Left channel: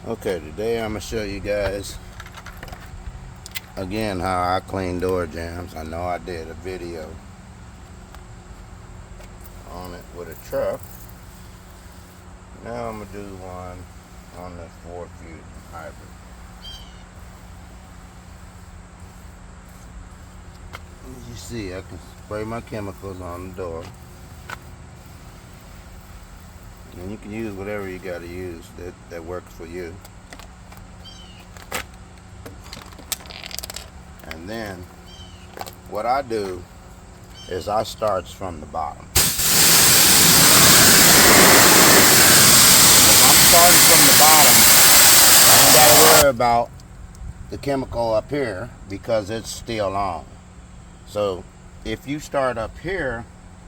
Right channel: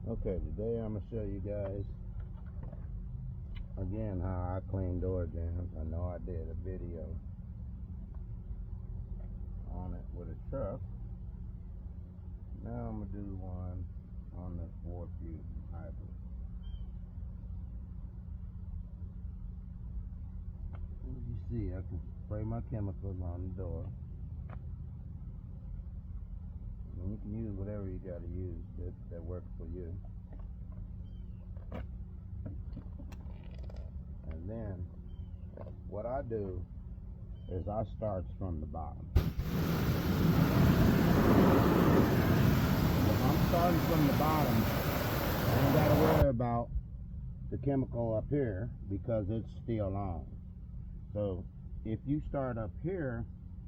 Okay, today I'm gonna show you guys again how I clean door jambs. I know I did a video on it with a truck. Now I'm gonna do one on the Ford Fusion hybrid. As you see, I can spray my chemicals on the door, and you can use whatever you gotta use that works for you. And then what I do is I starts from the bottom. If I'm starting from the bottom, I don't gotta worry about the chemical up here because it's still on. So if you start up here,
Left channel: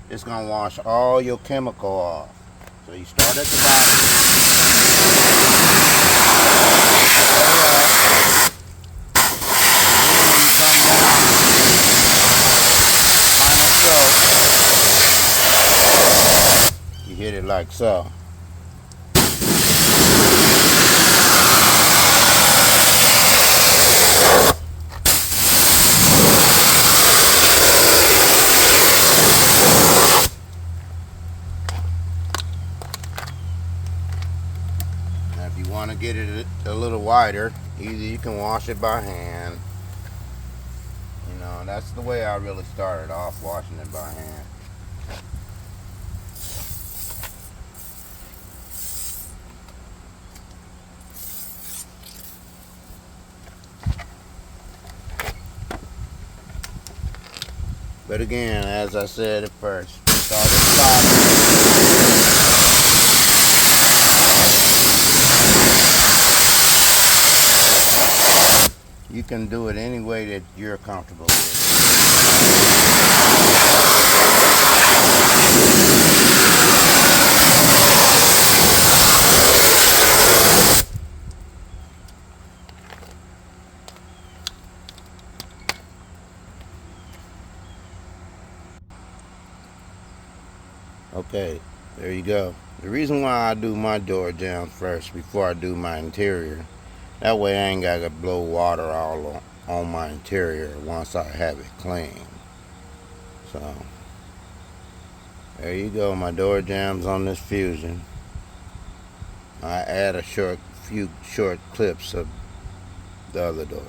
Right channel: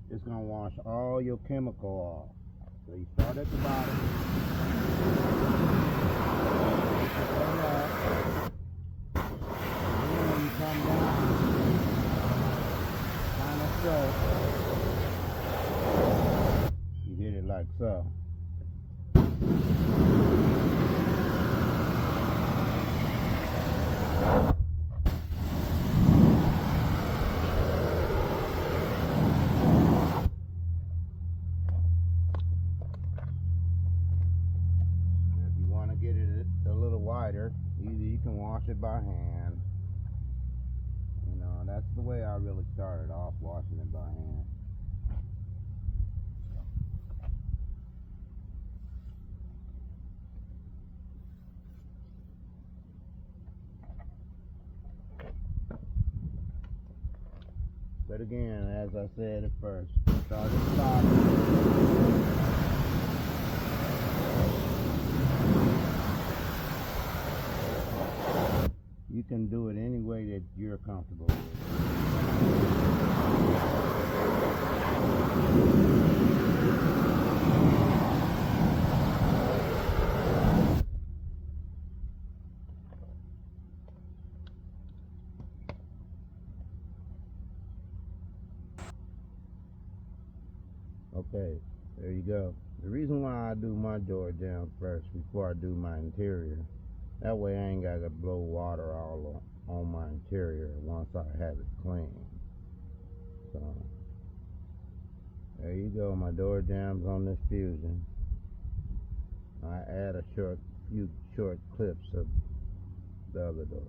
it's gonna wash all your chemical off. So you start at the bottom, you hit it like so. Now if you want to get it a little wider, either you can wash it by hand. You know, that's the way I really started off, washing it by hand. But again, as I said at first, start at the bottom. You can do it any way that you're comfortable with. Okay, there you go. The reason why I do my door jambs first before I do my interior, that way I ain't got to blow water all on my interior once I have it clean. So, there you go, my door jambs on this Fusion. I add a few short clips of the other doors.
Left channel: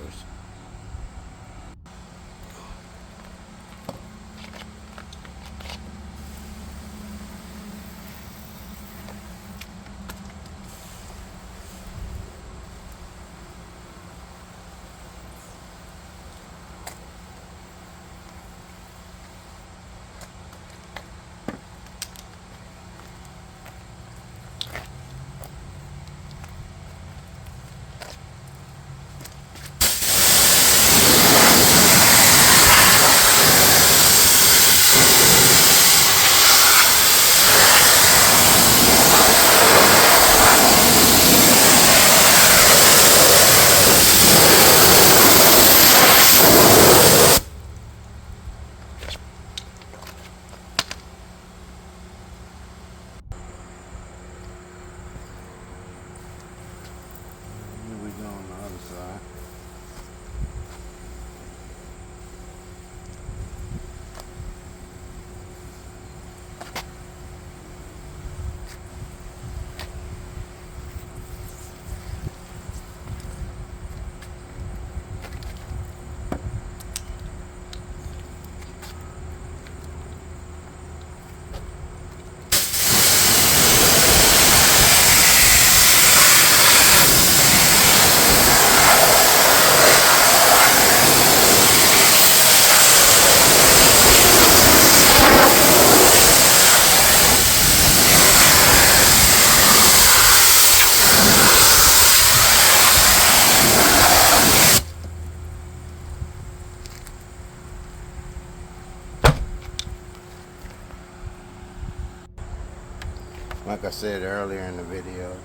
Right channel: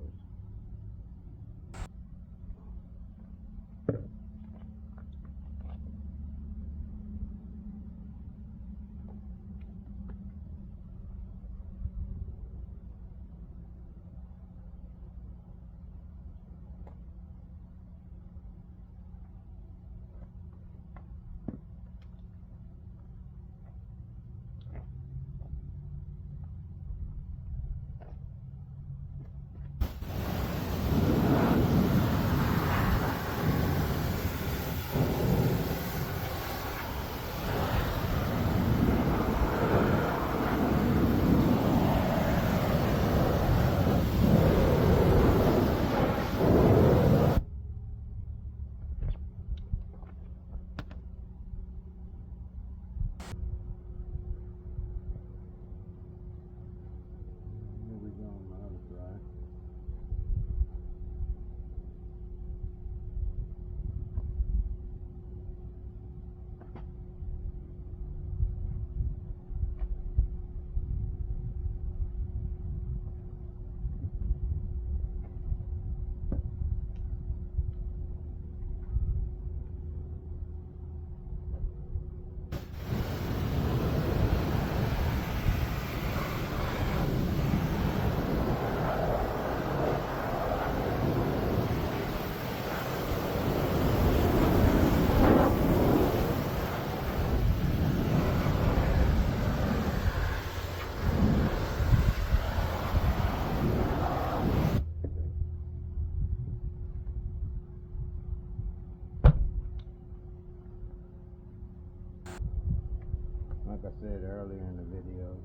Like I said earlier in the video,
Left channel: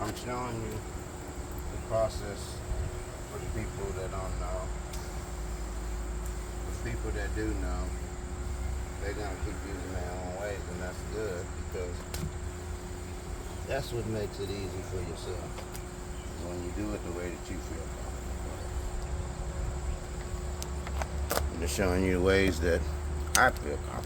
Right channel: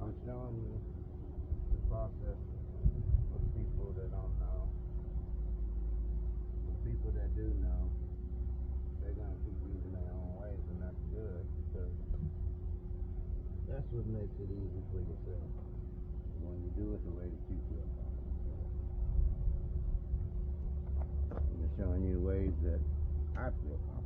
I'm showing you the process for the people that don't know. The people that do know, they're going to keep using their own ways, and that's good because that's what makes it easy for yourself. just showing you ways that I feel comfortable.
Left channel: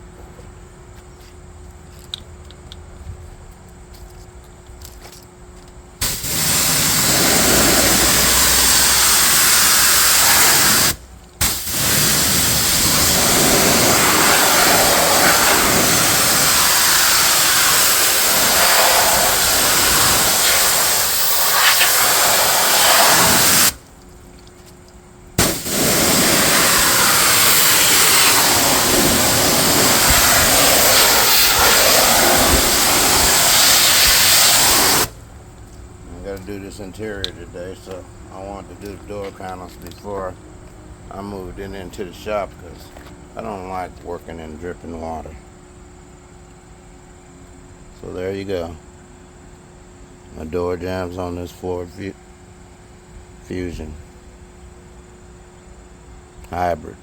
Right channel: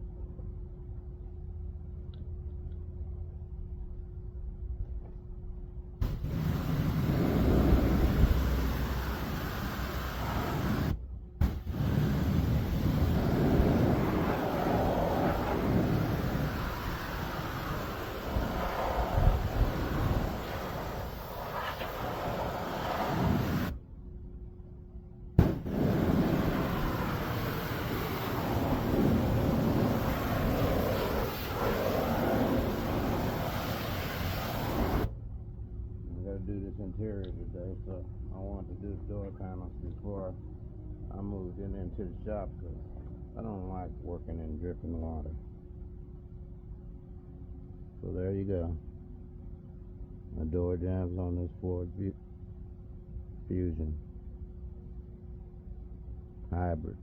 Do this interior today, so I wanted to do the door panels before I moved it into the shop because I don't like working in dripping water. So there you go. My door jambs on this Ford Fusion hybrid.